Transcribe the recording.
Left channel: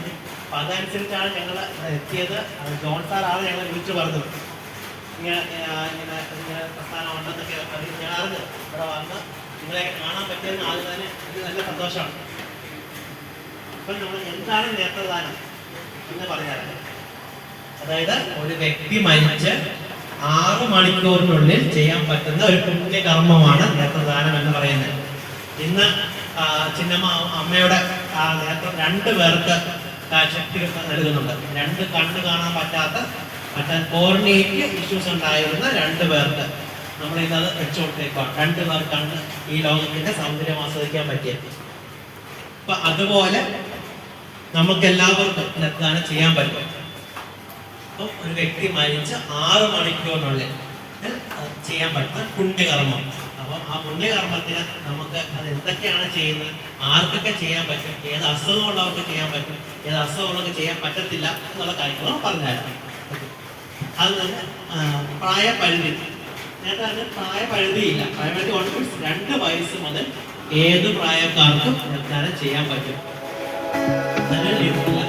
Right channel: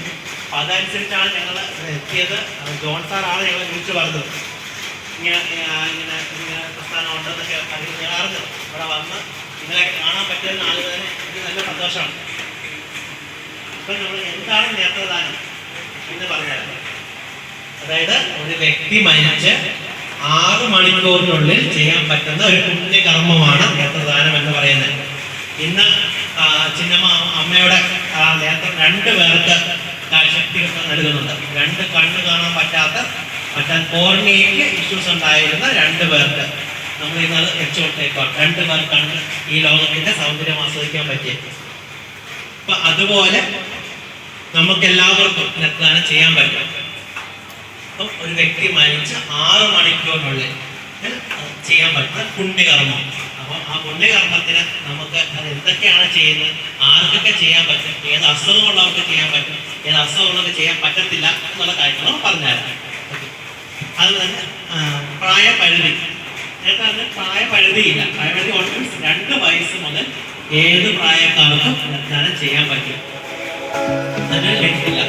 അപ്പം അതനുസരിച്ചാണ് ഞങ്ങൾ എത്തിയത്. ജോൺ സാറാണ് ഞങ്ങളെ വിളിച്ചു പറഞ്ഞത് ഇങ്ങനെ ഇങ്ങനെ ഇങ്ങനെ പ്രസ്ഥാനം ഉണ്ടെന്നൊക്കെ ഞാൻ അറിഞ്ഞു. ഇവിടെ വന്ന് നിങ്ങളെ കാണാൻ പറ്റുന്ന ആളുകൾ തന്നെ എനിക്ക് നല്ല സന്തോഷമാണ്. അപ്പം നമ്മൾ എന്താണ് നേത്രദാനം എന്ന് പറഞ്ഞാൽ, അതായത് ഒരു വ്യക്തി മരിച്ച് 6 മണിക്കൂറിനുള്ളിൽ ചെയ്യാൻ പറ്റുന്ന ഒരു പുണ്യകർമ്മമാണ് നേത്രദാനം എന്ന് പറയുന്നത്. ഇന്ന് ചിന്നമ്മ അമ്മയുടെ നേത്രം 2 പേർക്ക് ശക്തി നൽകുന്നുണ്ട്. 2 കണ്ണ് കാണാൻ പറ്റാൻ കോർണിയയ്ക്ക് ഇഷ്യൂസ് ഉണ്ടായിരുന്ന 2 പേർക്ക് നമ്മൾ ഇന്നത് വെച്ചുകൊണ്ടേക്കാണ്. 2 പേർക്കാണ് ഈ ലോകത്തിന്റെ സൗന്ദര്യം ആസ്വദിക്കാൻ പറ്റിയത്. അപ്പൊ അതുപോലെ നമുക്കെല്ലാവർക്കും നേത്രദാനം ചെയ്യാൻ പറ്റും. അപ്പം ഒരു വ്യക്തി മരിച്ച് 6 മണിക്കൂറിനുള്ളിൽ ചെയ്യാൻ പറ്റുന്ന പുണ്യകർമ്മം. അപ്പം ആ പുണ്യകർമ്മത്തിന് നമുക്ക് അത് എന്തൊക്കെയാണ് ചെയ്യുന്നത്, ആർക്കൊക്കെ ചെയ്യാൻ പറ്റും, ഏത് അസുഖമുള്ളവർക്ക് ചെയ്യാൻ പറ്റും, ഏത് അസുഖമുള്ളവർക്ക് ചെയ്യാൻ പറ്റത്തില്ല എന്നുള്ള കാര്യങ്ങൾ പറഞ്ഞായിരുന്നു. അത് തന്നെ പ്രായപരിധി. നേരത്തെ അതിന് പ്രായപരിധിയില്ല. പ്രായപരിധി 2 വയസ്സ് മുതൽ ഏത് പ്രായക്കാർക്കും നേത്രദാനം ചെയ്യാൻ പറ്റും. അതിന് ലിമിറ്റില്ല.